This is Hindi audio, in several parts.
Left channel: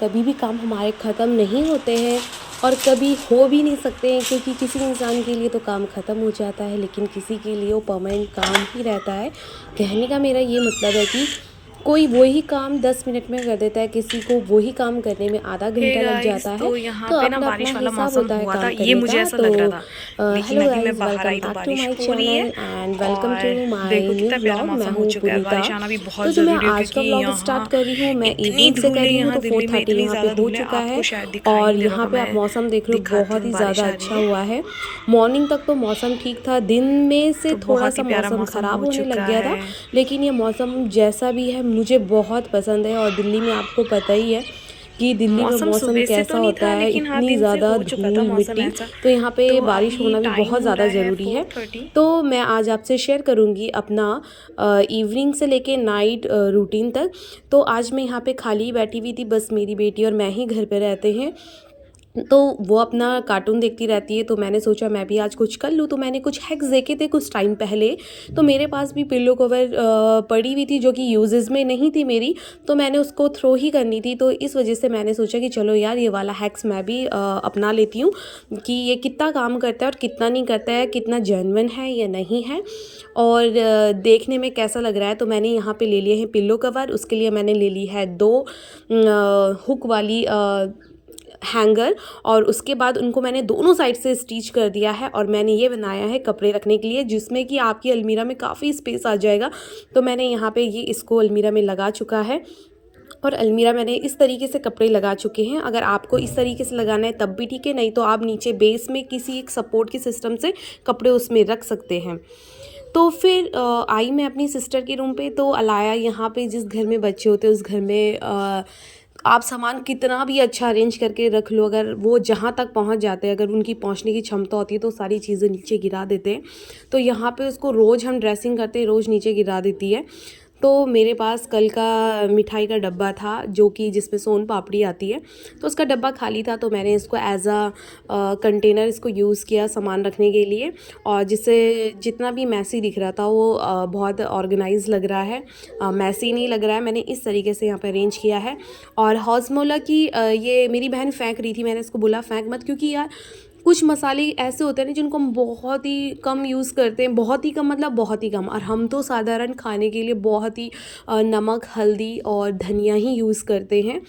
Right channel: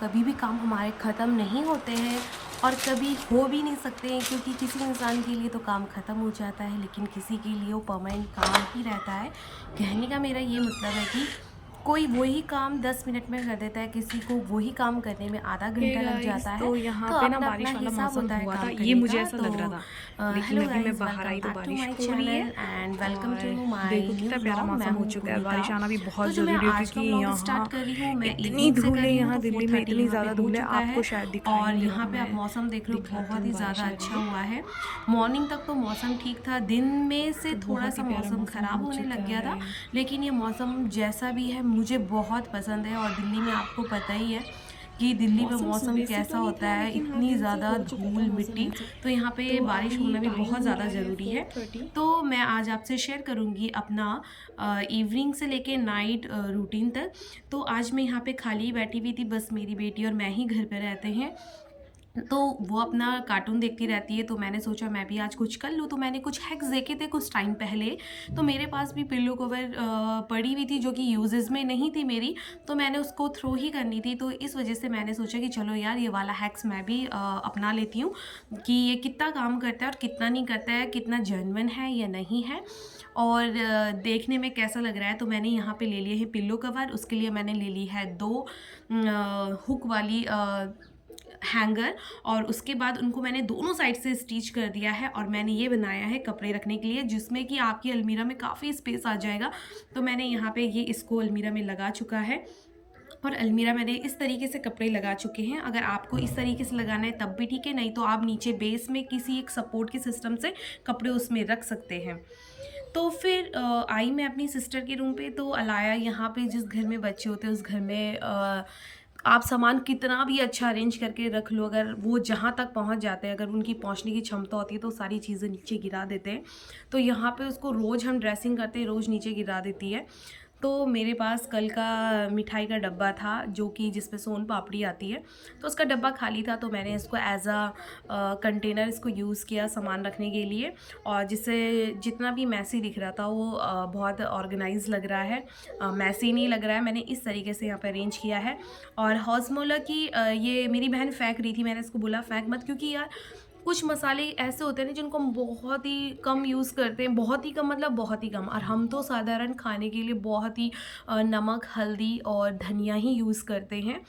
कभी भी काम हमारे ख़त्म नहीं होते हैं और कभी हो भी नहीं सकते हैं, क्योंकि किसी इंसान के लिए तो काम ख़त्म हो जाता है लेकिन किसी के लिए वो परमानेंट काम ही रहता है। कहने का मेरा ये मतलब है कि कोई वही काम 10 मिनट में कर देता है, किसी को वही काम करने में आधा हे घंटा लग गाइस, जाता है। तो यहाँ तो पे ना अपना-अपना बारिश वाला हिसाब मौसम होता है हुआ था, काम ये करने मुझे का। ऐसा तो लग रहा था। लेकिन हेलो अभी मैं गाइस, बाहर वेलकम आई तो बैक टू बारिश माय हो रही चैनल है। एंड वेलकम और टू माय देखो न्यू कितना प्यारा व्लॉग। मैं मौसम हो हूँ चुका है। पुनीता। बारिश आना भी तो बहुत जो मैं ज़रूरी है, आज का क्योंकि व्लॉग स्टार्ट यहाँ कर रही हूँ, मैं इतनी इवनिंग से धूल कर है। रही हूँ, यहाँ तो दिल्ली में 4:30 इतनी यहाँ पे ज़्यादा हो धूल है, चुका आपको है। शायद दिखाई और नहीं दे रहा यहाँ होगा। पे आप मैं मौसम देख रहे हो, दिखाती बहुत हूँ, ही बारिश ज़्यादा आ रही अच्छा है। हुआ है। मॉर्निंग तक तो मौसम ठीक था, दिन में से तो थोड़ा बहुत सा ही प्यारा मौसम मौसम ख़राब हो होने लग चुका गया था, है। लेकिन ये मौसम जैसा भी है मुझे बहुत पसंद है। और दिल्ली में आपको पता ही है कि दिल्ली में मौसम मौसम सुबह से तो कैसा नहीं होता था, है, लेकिन हाँ इतनी दिन से ज़्यादा हो चुका था धूल मौसम मिट्टी। ऐसा। तो यहाँ पे तो बारिश अभी होना भी टाइम बहुत हो रहा ज़्यादा है ज़रूरी है। 4:30। तो मैं आज आपसे शेयर करूँगी अपना इवनिंग से लेके नाइट रूटीन तक। तो आज मैं यहाँ पे खाली बैठी हुई थी, बस मेरी बेटी और मैं ही घर पे रहते हैं। तो वो अपना कार्टून देखती रहती है, तो मैंने सोचा मैं भी आज कुछ कर लूँ। तो मैंने कुछ हैक्स देखे थे कुछ टाइम पहले। तो मेरे पास भी पिल्लो कवर पड़ी हुई थी जो कि यूजेस में नहीं थी मेरी, तो मैंने उसको थ्रो ही करनी थी। तो इस वजह से मैंने सोचा कि चलो यार, ये वाला हैक्स मैं भी अपना लेती हूँ कि ये कितना काम करता है और कितना नहीं करता है, कितना जेन्युइन है या नहीं है, और देखने में कैसा लग रहा है। तो मैंने यहाँ पे ले लिए हैं पिल्लो कवर। उसके लिए मैंने ले ली है 2 हुक वाली हैंगर, और उसके बाद उनको मैंने दोनों साइड से स्टिच कर दिया है। और मैंने ये बनाया है कपड़े रखने के लिए, जिसमें कि आपकी अलमीरा में काफ़ी स्पेस आ जाएगा। तो मैंने यहाँ पे ये इसको अलमीरा में लगा चुका है, और अलमीरा मैंने इस तरीके से कपड़े लगा चुके हैं। अगर आपको इस तरीके से लगाना है तब भी ठीक है, नहीं तो आप नीचे बेस में किसी एक सपोर्ट के सिस्टम से कपड़े उसमें रख सकते हैं। तो फिर आई मैं अपनी सिस्टर के रूम पे। तो अलाया यहाँ पे, जिस घर में बच्चे होते हैं उस घर में आप सामान कितना भी अच्छा अरेंज करके रख लो, अगर वो जहाँ तक पहुँच जाते हैं, अगर उनकी पहुँचने की क्षमता होती है तो सारी चीज़ें नीचे गिरा देते हैं। तो यहाँ पे उसको रोज़ हम ड्रेसिंग करते हैं, रोज़ नीचे गिरा देती है। तो मेरे पास कल का मिठाई का डब्बा था जो कि जिसमें सोन पापड़ी आती है, तो उसका डब्बा खाली था। तो मैंने इसको एज अ कंटेनर इसको यूज़ किया सामान रखने के लिए, और जिससे जितना भी मैसी दिख रहा था वो बहुत ऑर्गेनाइज लग रहा है, मैसी नहीं लग रहा है। मैंने इस तरीके से यहाँ पे अरेंज किया है। और हॉजमोला की ये मेरी बहन फेंक रही थी, मैंने इसको बोला फेंक मत, क्योंकि यार कुछ मसाले ऐसे होते हैं ना जिनको हम बहुत ही कम यूज़ करते हैं, बहुत ही कम मतलब बहुत ही कम। और हम तो साधारण खाने के लिए बहुत ही नमक, हल्दी और धनिया ही यूज़ करते हैं।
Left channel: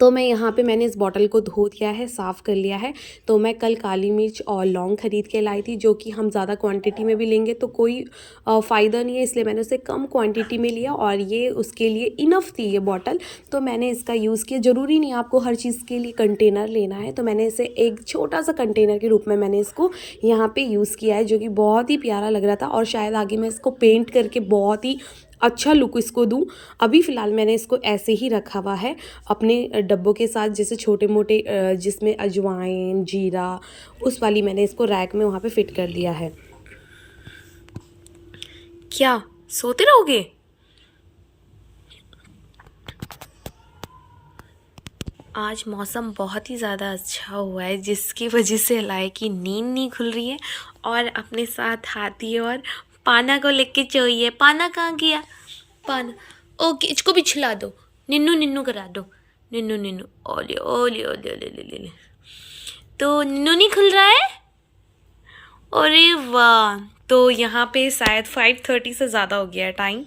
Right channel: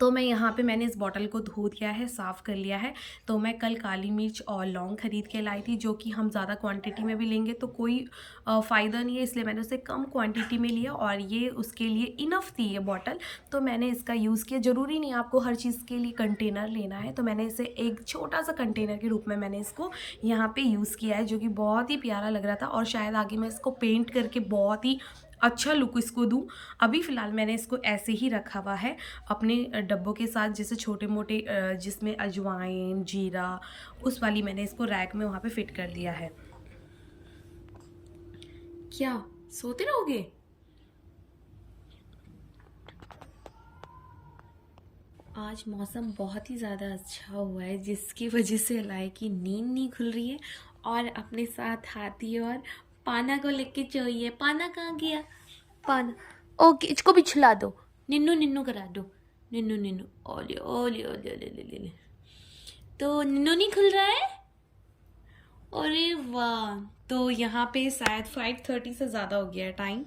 तो मैं यहाँ पे मैंने इस बॉटल को धो दिया है, साफ़ कर लिया है। तो मैं कल काली मिर्च और लौंग ख़रीद के लाई थी, जो कि हम ज़्यादा क्वांटिटी में भी लेंगे तो कोई फ़ायदा नहीं है, इसलिए मैंने उसे कम क्वांटिटी में लिया, और ये उसके लिए इनफ थी ये बॉटल। तो मैंने इसका यूज़ किया। ज़रूरी नहीं आपको हर चीज़ के लिए कंटेनर लेना है, तो मैंने इसे एक छोटा सा कंटेनर के रूप में मैंने इसको यहाँ पर यूज़ किया है, जो कि बहुत ही प्यारा लग रहा था। और शायद आगे मैं इसको पेंट करके बहुत ही अच्छा लुक इसको दूँ। अभी फ़िलहाल मैंने इसको ऐसे ही रखा हुआ है अपने डब्बों के साथ, जैसे छोटे मोटे जिसमें अजवाइन, जीरा, उस वाली मैंने इसको रैक में वहाँ पे फिट कर दिया है। क्या सोते रहोगे? आज मौसम बहुत ही ज़्यादा अच्छा हुआ है, जिसकी वजह से अलाय की नींद नहीं खुल रही है, और अपने साथ हाथी और पाना को लेके चाहिए। पाना कहाँ गया? पाना, ओके, इसको भी छिला दो, निन्नू निन्नू करा दो, निन्नू निन्नू, ओले ओले ओले ओले ओले ओले। तो निन्नू नहीं खुल रहा है? अरे वाह! तो यहाँ पे शायद 5:30 से ज़्यादा हो गया है टाइम,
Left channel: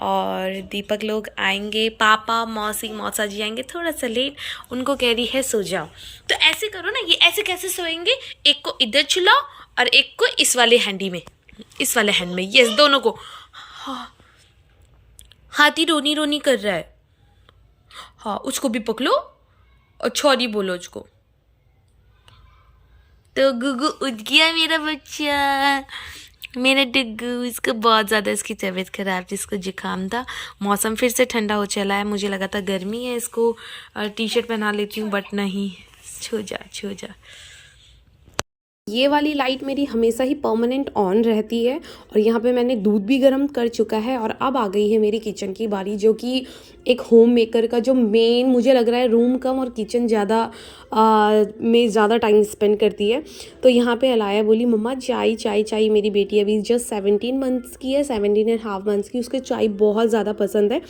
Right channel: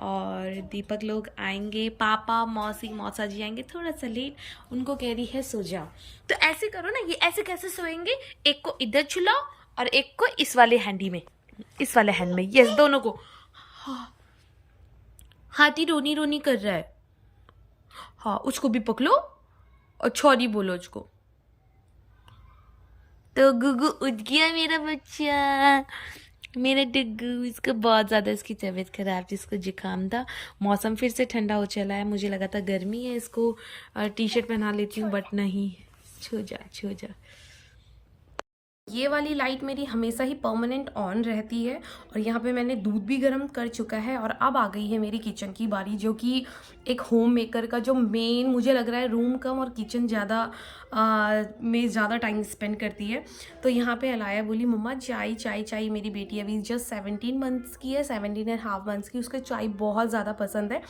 और दीपक लोग आएंगे, पापा, मौसी, मौसा जी आएंगे थोड़ा सा लेट। उनको कह रही है सो जाओ। तो ऐसे करो ना, ये ऐसे कैसे सोएंगे? एक को इधर छुलाओ और एक को इस वाले हैंडी में, इस वाले हैंड में, यस, दोनों को। हाँ, हाथी रोनी रोनी कर रहा है। हाँ, उसको भी पकड़ो और छोरी बोलो उसको। तो गुगु उठ गया मेरा बच्चा, मेरा डुग्गू। इसको बहुत ज़्यादा इसकी तबीयत ख़राब थी, इसको जुकाम था। मौसम फिर से ठंडा हो चला है, मुझे लगा था गर्मी है, इसको टी शर्ट पहना लेती हूँ, बट नहीं। छो जा छो जा। ये वाली लाइट मेरी हमेशा ही परमानेंट ऑन रहती है। और यहाँ पे मैंने दूध भी गर्म कर चुका है, और अब आ गई है मेरी किचन की बारी, जो कि एक होम मेकर का जो मेन मुझे लग रहा है रूम कम और किचन ज़्यादा में ज़्यादा टाइम स्पेंड करती है। तो यहाँ पे अलाया बोली मम्मा चाय चाय चाय, मेरी बेटी अभी जस्ट 17 मंथ्स की है, 17.5 मंथ्स की, उसके चाय बहुत ज़्यादा पसंद है।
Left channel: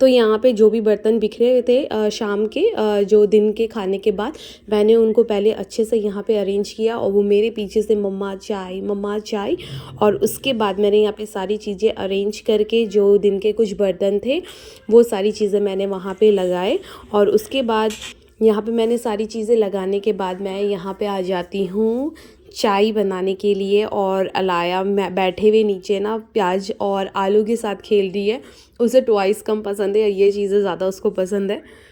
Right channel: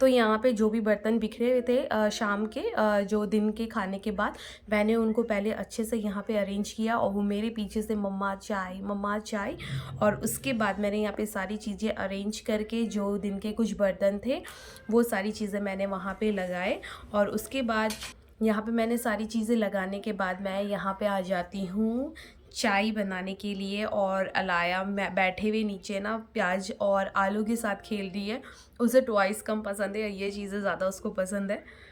तो यहाँ पे जो भी बर्तन बिखरे हुए थे शाम के जो दिन के खाने के बाद, मैंने उनको पहले अच्छे से यहाँ पे अरेंज किया और वो मेरे पीछे से मम्मा चाय। और उसके बाद मैंने यहाँ पे सारी चीज़ें अरेंज करके जो दिन के कुछ बर्तन थे वो सारी चीज़ें मैंने वहाँ पे लगाए। और उसके बाद यहाँ पे मैंने सारी चीज़ें लगाने के बाद मैं यहाँ पे आ जाती हूँ चाय बनाने के लिए। और अलाया मैं बैठे हुए नीचे ना प्याज और आलू के साथ खेल रही है। उसे टॉयज़ कम पसंद है, ये चीज़ें ज़्यादा उसको पसंद है।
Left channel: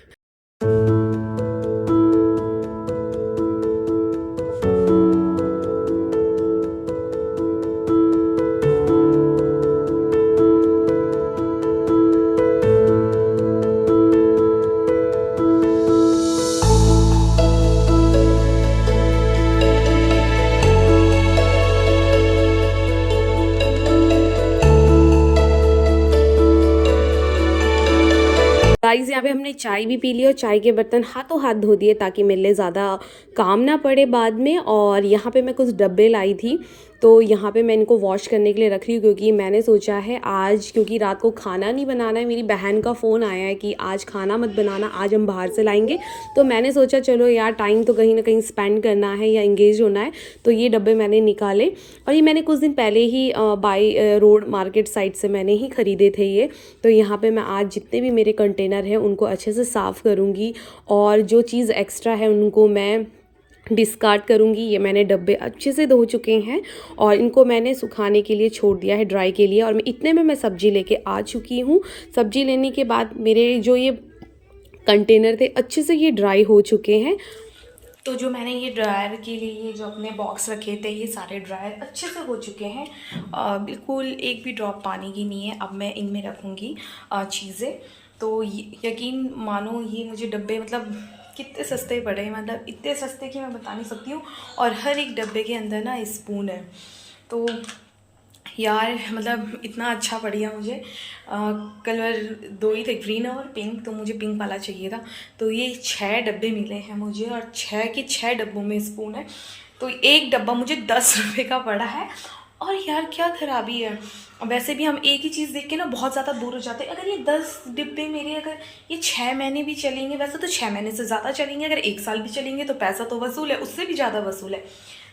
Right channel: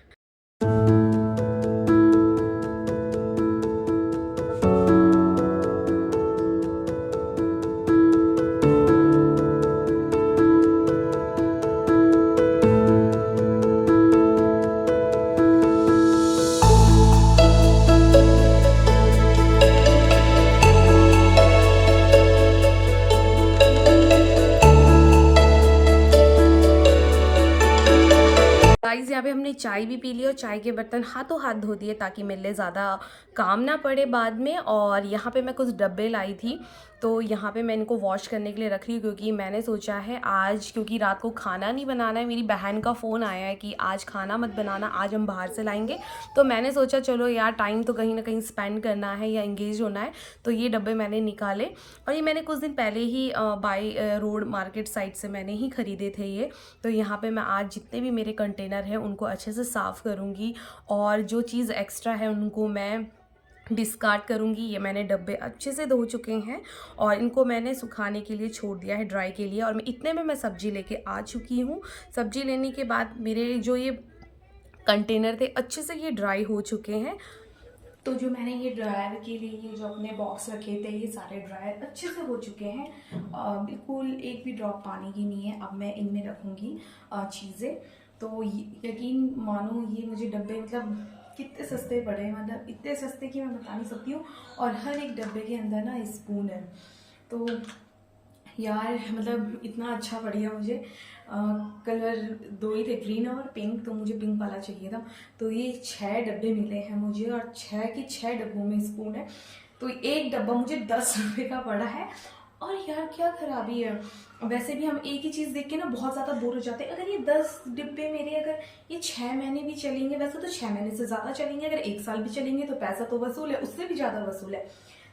गाइस यहाँ पे हमने चाय भी पी ली और चाय के बर्तन हाथों हाथ धो दिए ताकि मेरे लिए ज़्यादा काम ना पड़े बाद में। और यहाँ पे मैं कुछ डब्बे लाई थी, तो यहाँ पे मैं इनको वॉश करने के लिए रख रही हूँ, क्योंकि मैंने सोचा है आज, क्योंकि रात को खाना नहीं बनाना है, मेरी बहन का फ़ोन आया है कि आज खाना मत बनाना, आज हम बाहर से लाएंगे। तो मैंने सोचा चलो यार टाइम तो कहीं ना कहीं स्पेंड करना है या इंगेज होना है। तो ये डब्बे मैंने निकाले और ये मैंने कुछ दिन पहले ही बाई रोड मार्केट साइड से मैंने ही ख़रीदे थे ये। तो यहाँ पे मैं आज जितने भी मेरे कंटेनर हैं उनको अच्छे से साफ़ करूँगी और जो चीज़ एक्स्ट्रा है उनको मैं डिस्कार्ड करूँगी। ये मैंने डब्बे अच्छे से धो चुके हैं और इनको मैंने सुखाने के लिए छोड़ दिया है, ड्राई के लिए। और मैं इतने में मैं सब्ज़ी लेके आ चुकी हूँ। सब्ज़ी लेने के बाद मेरे जो ये कंटेनर थे अच्छे से ये ड्राई हो चुके हैं। तो जो मैंने ये ड्रायर के लिए ये जो अपने बॉक्स रखे थे ये सारे ड्रायर अच्छे से हो चुके हैं। बिल्कुल एक भी ड्रॉप पानी की नहीं है। अब मैं इनमें रखूँगी चीज़ें। तो यकीन मानो ये मुझे डब्बे मतलब कितने सस्ते पड़े हैं, मतलब इतने सस्ते कि मैं बता नहीं सकती हूँ। और हर एक डब्बे के अंदर ना स्पून है। तो यार मतलब इतना अच्छा बढ़िया मुझे कलर 2 ही थे, ग्रीन और पिंक, तो मुझे पिंक वाला चाहिए था। तो ये 6 डब्बे मिले हैं मुझे और 6 के 6 डब्बों में स्पून है। तो एक डब्बा मुझे 10 रुपये का पड़ा है। और यार क्या खराबी है, वैसे भी हम एक ही चीज़ देख के ना बहुत ज़्यादा बोर हो जाते हैं। अगर ये 10 डिब्बे मेरे, अगर ये 6 महीने भी चलेंगे, वैसे तो 6 महीने से ज़्यादा चलेंगे, अगर 1 साल भी चलेंगे तो पैसा तो वसूल है, उससे भी ज़्यादा वसूल है।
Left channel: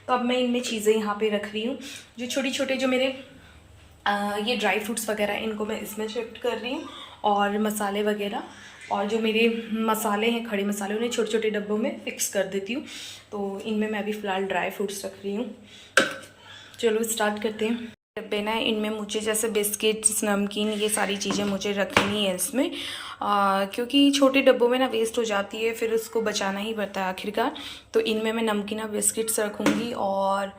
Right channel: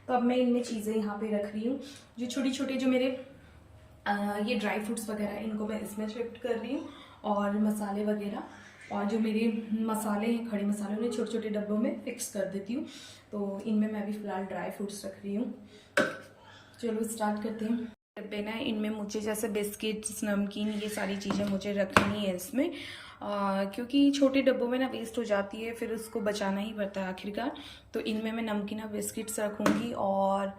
तो अब मैं इनमें चीज़ें यहाँ पे रख रही हूँ, जो छोटी छोटे जो मेरे ये ड्राई फ्रूट्स वगैरह इनको मैं इसमें शिफ्ट कर रही हूँ। और मसाले वगैरह और जो मेरे मसाले हैं खड़े मसाले उन्हें छोटे छोटे डब्बों में फ़िक्स कर देती हूँ। तो इनमें मैं अभी फ़िलहाल ड्राई फ्रूट्स रख रही हूँ। चलो स्टार्ट करते हैं। डब्बे ना इनमें मुझे जैसे बिस्किट्स, नमकीन, ये सारी चीज़ें मुझे रखनी है इसमें, क्योंकि छोटे डब्बों में ना वेस्ट हो जाती है, फिर उसको बचाना ही पड़ता है आखिरकार। तो इनमें मैं नमकीन और बिस्किट्स रखूँगी। और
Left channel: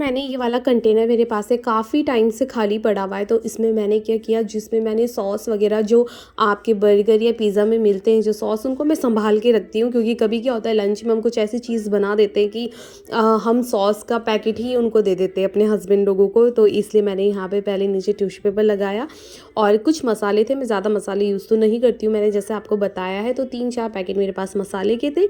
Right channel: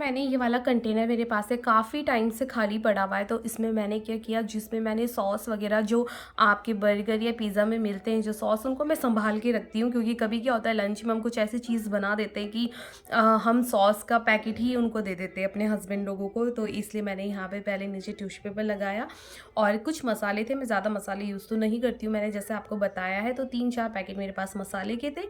मैंने ये वाला कंटेनर मेरे पास है, काफ़ी टाइम से खाली पड़ा हुआ है। तो इसमें मैंने क्या किया, जिसमें मैंने सॉस वगैरह जो आपके बर्गर या पिज़्ज़ा में मिलते हैं जो सॉस, उनको मैं संभाल के रखती हूँ। क्योंकि कभी क्या होता है लंच में हम कुछ ऐसी चीज़ बना देते हैं कि हम सॉस का पैकेट ही उनको दे देते हैं अपने हस्बैंड लोगों को। तो इसलिए मैंने यहाँ पे पहले नीचे टिश्यू पेपर लगाया और कुछ मसाले थे। मैं ज़्यादा मसाले यूज़ तो नहीं करती हूँ, मैंने जैसे आपको बताया है। तो 3-4 पैकेट मेरे पास मसाले के थे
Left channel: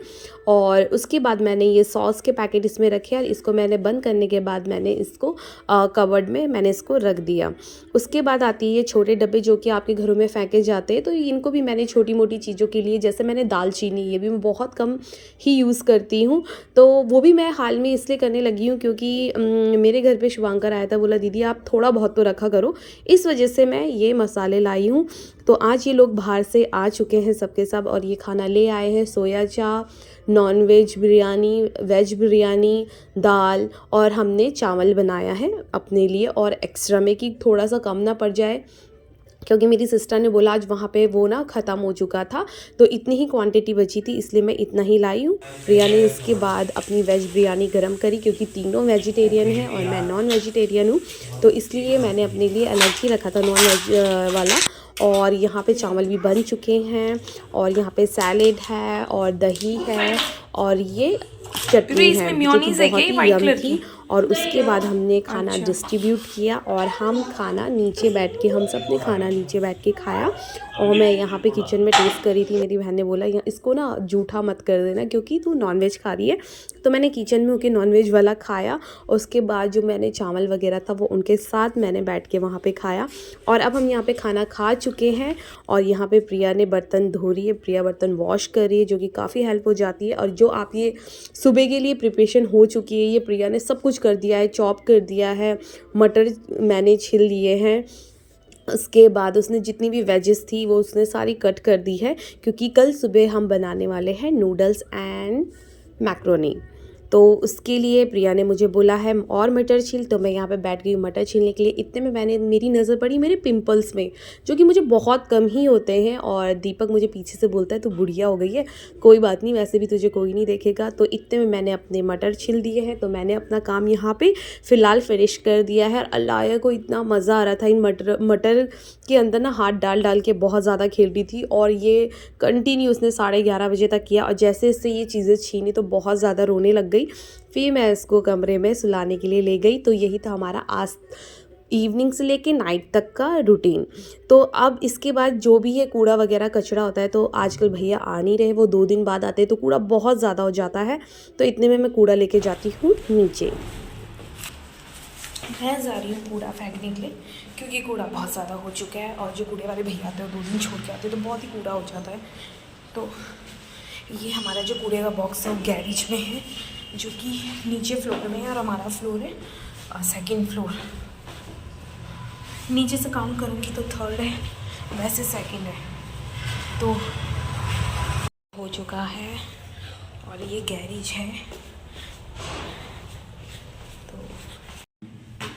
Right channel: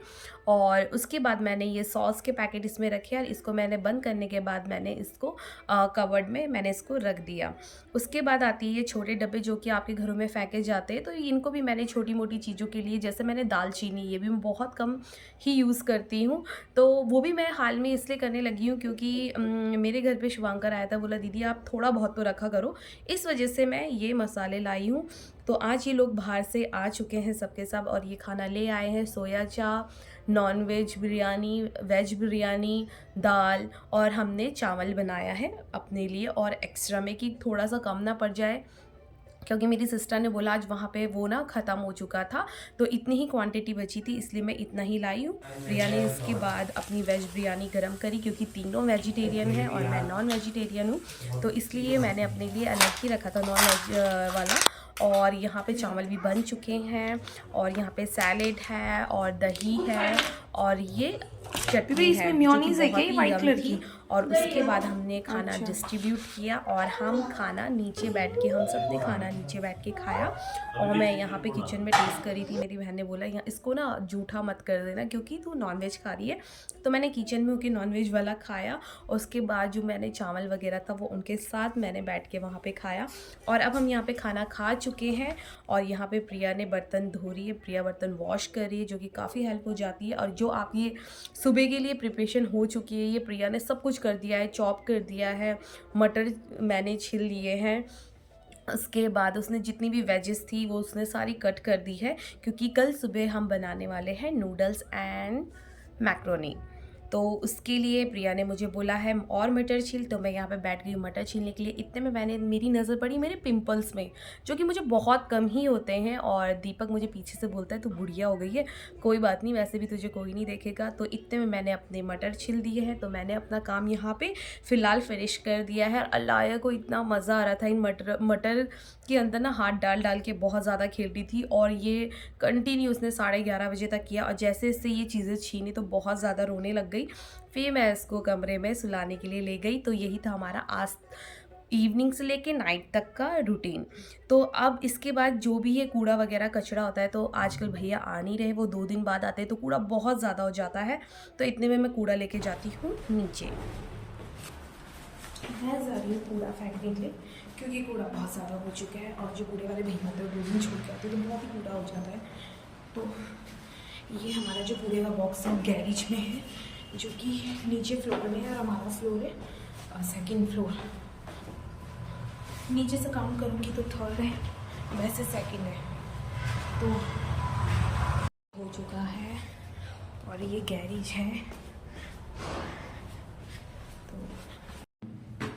और उसके बाद मैंने ये सॉस के पैकेट इसमें रखे और इसको मैंने बंद करने के बाद मैंने इसको कवर्ड में मैंने इसको रख दिया। उसके बाद आती है ये छोटे डब्बे जो कि आपके घरों में फेंके जाते हैं, तो इनको भी मैंने छोटी मोटी चीज़ों के लिए, जैसे मैंने दालचीनी, ये भी मैं बहुत कम ही यूज़ करती हूँ। तो वो भी मैं हाल में इसलिए करने लगी हूँ क्योंकि मेरे घर पे शुभांकर आया था, बोला दीदी आप थोड़ा बहुत तो रखा करो, इस वजह से मैं ये मसाले लाई हूँ। तो आज ये लोग बाहर से आ चुके हैं सबके सब और ये खाना ले आए हैं, soya chaap, non veg biryani, veg biryani, दाल और हमने चावल बनाया है अपने लिए और एक्स्ट्रा में कि थोड़ा सा कम ना पड़ जाए, क्योंकि मेरी सिस्टर ने बोला आज वहाँ पे वो ना ख़त्म हो चुका था, तो इतनी ही क्वांटिटी बची थी इसलिए मैं इतना ही लाई हूँ। प्रिया ने इसके बाद अपनी वेज बिरयानी गरम करी क्योंकि तीनों वेजिटेरियन हैं और मैं नॉन वेजिटेरियन हूँ, तो इसलिए मैंने अपने लिए अलग ही रखा था नॉन वेज वाला। और यहाँ पे चावल भी बन चुके हैं और यहाँ पे सैलेड है और दही है और ये चटनी है जो कि बहुत ही यम्मी थी। और उसके बाद हमने खाना डिस्ट्रीब्यूट किया और हम खाना नीचे बैठ के, हम सब ने खाना नीचे बैठ के खाया। और मैं यहाँ पे किचन में टेस्ट करी थी, मेरी बहन ने बोला यहाँ इसको ना जूठा मत कर देना क्योंकि तू नॉनवेज खा रही है, तो मैंने किचन में होकर नॉनवेज वाला खाया। और उसके बाद जो मैंने चावल वगैरह था वो उनके साथ मैंने बैठ के वहाँ पे खाया। और अब हम यहाँ पे खाना खा चुके हैं और यहाँ पे प्रिया ने बर्तन धो रही है, प्रिया बर्तन वॉश कर रही है जो कि काफ़ी हेल्प हो जाती है। और जो आप ये सुबह के लिए प्रिपरेशन हो चुकी है, ये प्रिया ने सब कुछ कर दिया है, चॉप कर दिया है, मटर मैंने छिल लिए हैं, उसके बाद उसने जितनी भी वेजेस थी वो उसने सारी कट कर दी है क्योंकि कल सुबह हम बनाने वाले हैं नूडल्स एंड मैक्रोनी। तो उसके लिए प्रिया ने मुझे बोला है और मटर छील, तो मैं यहाँ पे बैठ गई मटर छीलने के लिए। इतने में मेरी नज़र पड़ी मेरे पिंपल्स में जो कि मुझे बहुत कम ही होते हैं। और दीपक मुझे पीछे से बोलता है तू बुढ़िया हो गई है, कोई बात नहीं वैसे भी तुझे कोई नहीं देखेगा। तो इतने में मैंने अपने मटर छील दिए हैं, तो मैंने अपना काम यहाँ पर फ़िलहाल फिनिश कर दिया है। अलाया को इतना मज़ा आ रहा था इन मटर के अंदर ना हाथ डाल डाल के, बहुत ज़्यादा खेल रही थी और ये कंटिन्यू उसने 11:30 बजे तक किया। और जैसे इससे ये चीज़ें छीनी तो बहुत ज़्यादा रोने लग गई। फिर मैं इसको कमरे में सुलाने के लिए ले गई। तो यही था हमारा आज इवनिंग से लेके नाइट तक का रूटीन। तो अब इसके बाद जो भी है कूड़ा वगैरह कचरा होता है, तो आजकल भैया आ नहीं रहे, वो 2 दिन बाद आते हैं तो कूड़ा बहुत ज़्यादा हो जाता है। तो इतने में मैं कूड़ा लेके जाती हूँ नीचे। मैं जा रही हूँ कूड़ा फेंकने के लिए क्योंकि कूड़ा बहुत ज़्यादा हो चुका है और जो कूड़े वाले भैया आते हैं 2 दिन छोड़ के आते हैं तो बहुत ही कूड़ा हो जाता है। तो ये हमारा जो कूड़े का बॉक्स है वो गैरेज में है जो कि नीचे फ्लोर में है और हमारा फ्लोर है 2nd फ्लोर। नीचे से काउंट करूँगी तो 3rd है, वैसे 2nd है। तो हो चुका है और ये गैरेज है।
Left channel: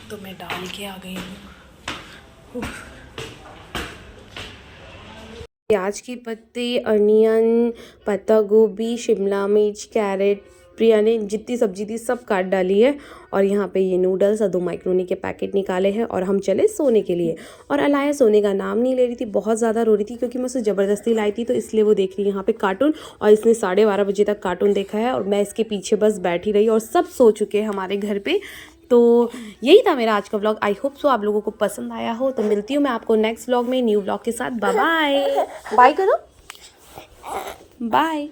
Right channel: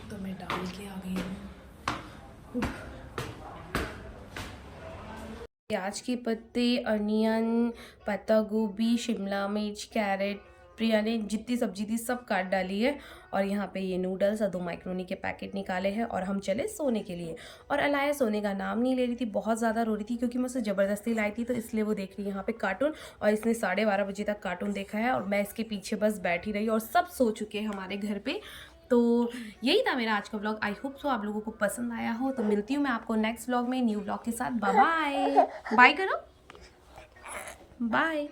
तो मैं डाल के आ गई हूँ। प्याज की पत्ती, अनियन, पत्ता गोभी, शिमला मिर्च, कैरेट, प्रिया ने जितनी सब्जी थी सब काट डाली है। और यहाँ पे ये नूडल्स और 2 मैक्रोनी के पैकेट निकाले हैं और हम चले सोने के लिए। और अलाया सोने का नाम नहीं ले रही थी, बहुत ज़्यादा रो रही थी क्योंकि मैं उसे ज़बरदस्ती लाई थी, तो इसलिए वो देख रही है यहाँ पे कार्टून। और इसने 12:30 बजे तक कार्टून देखा है और मैं इसके पीछे बस बैठी रही और सब सो चुके हैं हमारे घर पे। तो यही था मेरा आज का व्लॉग। आई होप सो आप लोगों को पसंद आया हो। तो मिलती हूँ मैं आपको नेक्स्ट व्लॉग में न्यू व्लॉग के साथ। बाय बाय, बाय करो, बाय।